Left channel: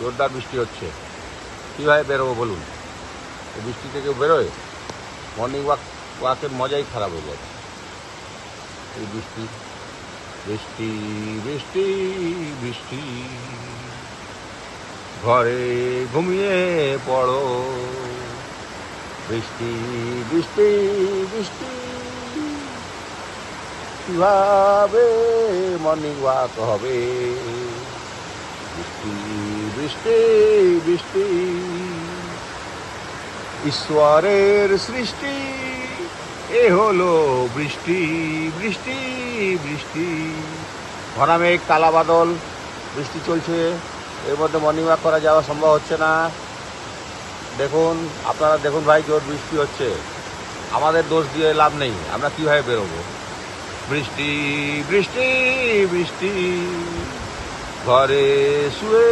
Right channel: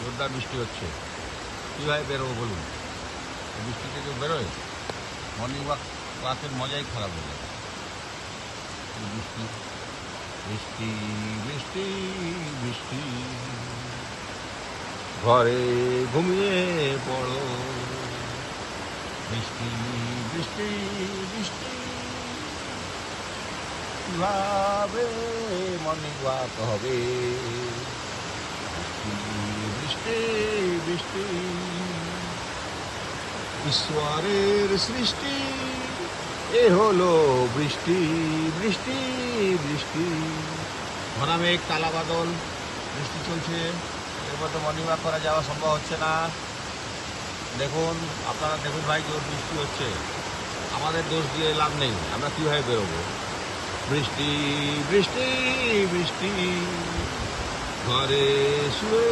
জোরদার বৃষ্টি হচ্ছে, কীভাবে বেরোবো বলুন? বৃষ্টি থেকে বেরোয় মর্নিং ওয়াকের মজাই খারাপ হয়ে যাবে। এই বৃষ্টি বৃষ্টি বৃষ্টি বৃষ্টি, ঘরে ঘুমিয়ে পড়ো। বৃষ্টি বৃষ্টি বৃষ্টি, কিভাবে মর্নিং ওয়াক হবে? বৃষ্টি বৃষ্টি বৃষ্টি, ঈশ্বরের সৃষ্টি এ হলো বৃষ্টি বৃষ্টি বৃষ্টি। ঘনা মেঘ, কালা বাদল, বৃষ্টি চলছে, এর মধ্যে মর্নিং ওয়াক করা যাওয়া সম্ভব হচ্ছে না। দেখুন, আপনারা দেখুন ভাই, জোর বৃষ্টি হচ্ছে, আমাদের দোষ দিয়ে লাভ নেই, আমরা কীভাবে বেরোবো? বৃষ্টি বৃষ্টি বৃষ্টি, ঘরে শুয়ে